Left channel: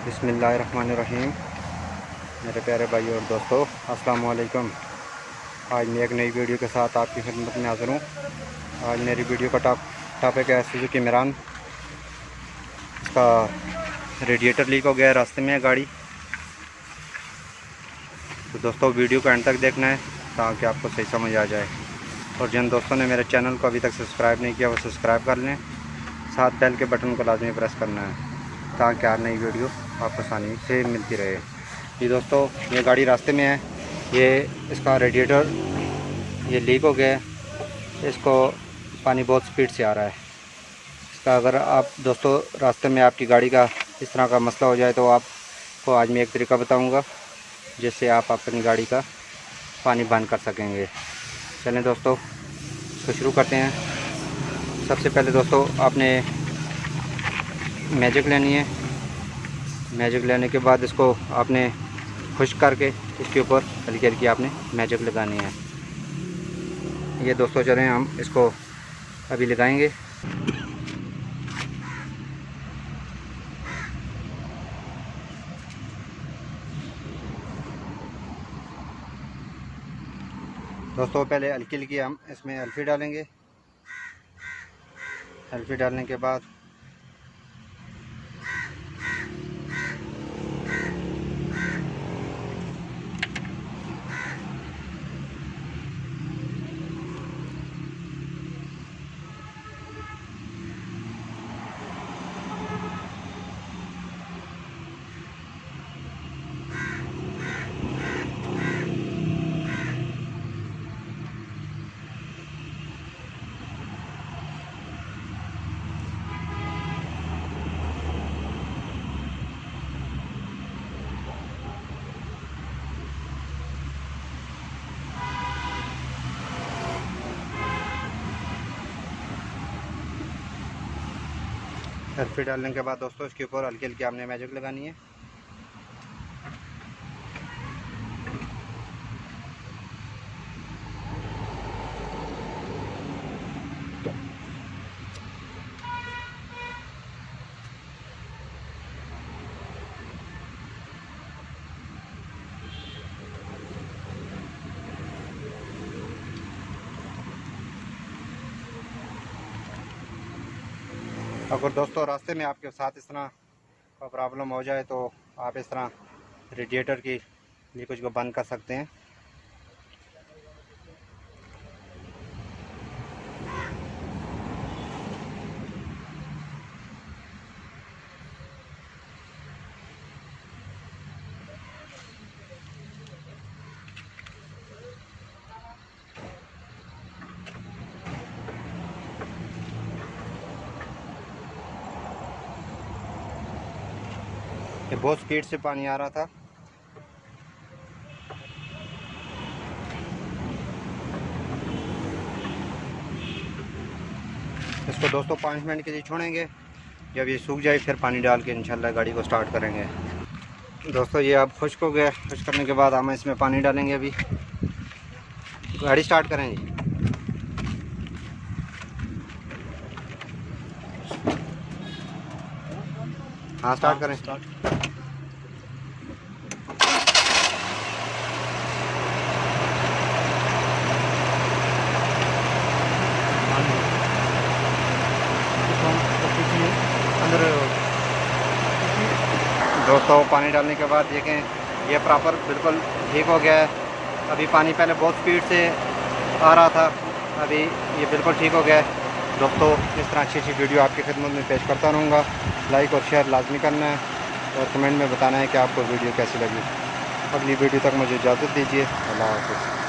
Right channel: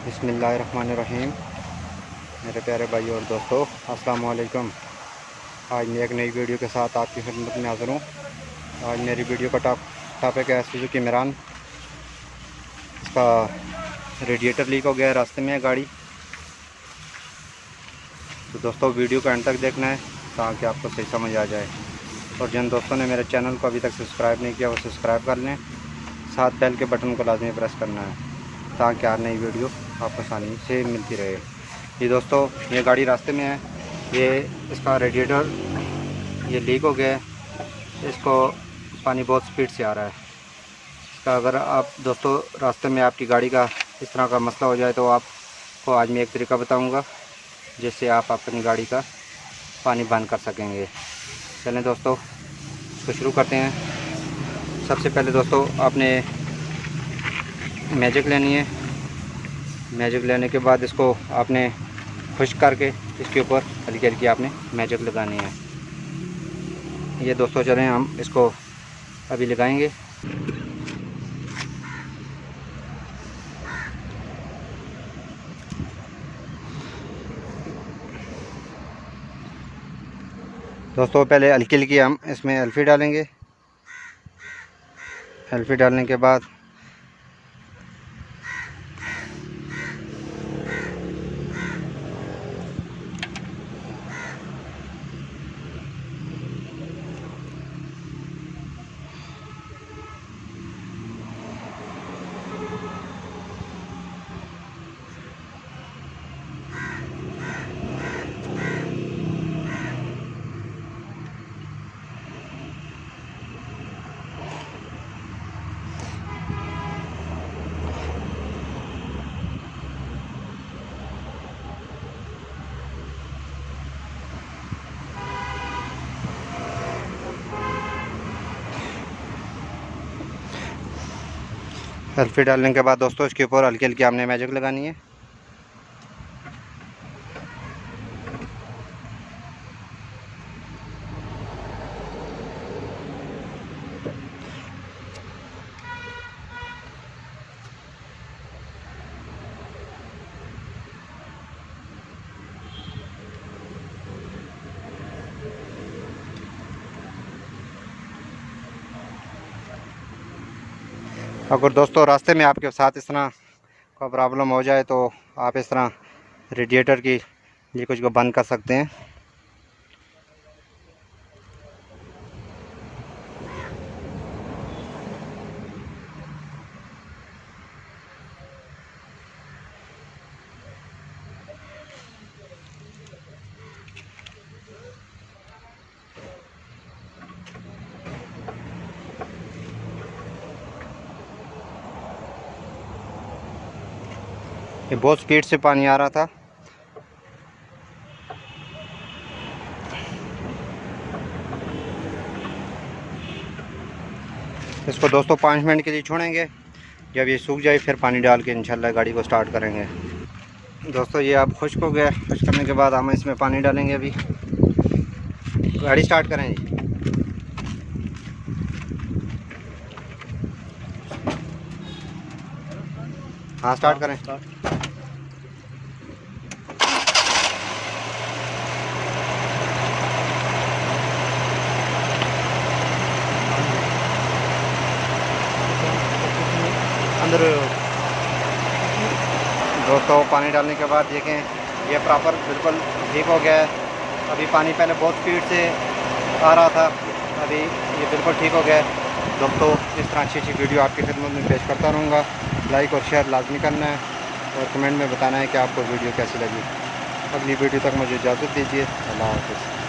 बिस्मिल्लाहिर्रहमानिर्रहीम। मेरे प्यारे भाई और दोस्तों, अस्सलाम वालेकुम। आज मैं एक नई वीडियो के साथ आपकी खिदमत में हाज़िर हूँ। आज मेरी वीडियो का टॉपिक है सुजुकी मिरान। इसका रेडिएटर लीक हो गया है, रास्ते में है गाड़ी। तो दोस्तों वीडियो को एंड तक देखना है ताकि आपको सही समझ आ जाए। और जिन दोस्तों ने मेरे चैनल को अभी तक सब्सक्राइब नहीं किया वो सब्सक्राइब कर लें, साथ बेल के बटन को लाजमी प्रेस करना है ताकि हर नई वीडियो आपको आसानी से मिलती रहे। ये दोस्तों, ये गाड़ी रास्ते में है, ये इसका रेडिएटर ये लीक हो गया है। इसको पानी बहुत स्पीड से आ रहा है। इसका अगर आप दोस्तों रास्ते में आपकी गाड़ी का इस तरह का मसला हो जाए तो आपको आज मैं एक तरीका बताऊंगा जिससे आप अपनी गाड़ी का पानी बंद कर सकेंगे। चलें दोस्तों, इसको शुरू करते हैं। सबसे पहले दोस्तों आपने मैजिक लेनी है। मैजिक लेने के बाद इसको आपने खुश्क करके इसके ऊपर हल्की हल्की आपने मैजिक लगानी है। ये दोस्तों चलें हम इसको अभी लगाएंगे। दोस्तों पहले हल्की हल्की हम इसमें एल्फी डालेंगे। एल्फी डालने के बाद एल्फी डालने के बाद दोस्तों इसके ऊपर हल्की हल्की हमने मैजिक लगानी है। अगर दोस्तों रास्ते में आपके साथ इस तरह का प्रॉब्लम हो जाए तो आप इस तरह रेडिएटर की लीकेज को बंद कर सकते हैं। ये बहुत स्पीड से पानी आ रहा था। इसको दोस्तों 5 मिनट के लिए छोड़ेंगे। जब ये सूख जाए फिर पानी डाल के इंशाल्लाह गाड़ी को स्टार्ट करेंगे। दोस्तों ये अब खुश्क हो गया। खुश्क करने के बाद हम इसमें पानी डालेंगे। अभी गाड़ी स्टार्ट करें जी। हाँ स्टार्ट करें। अंदर दोस्तों पानी डालने के बाद देखें ये प्रॉपर बिल्कुल ठीक हो गया है। अभी पानी पहले बहुत स्पीड से आ रहा था, अभी ये बिल्कुल ठीक हो गया है। दोस्तों इस तरह अच्छी वीडियो आपकी खिदमत में पेश करता रहूँगा। लाइक और शेयर लाजमी करना है और कमेंट में बताना है कि आपको वीडियो कैसी लगी। अगली वीडियो तक मुझे इजाज़त दीजिए। अल्लाह हाफ़िज़।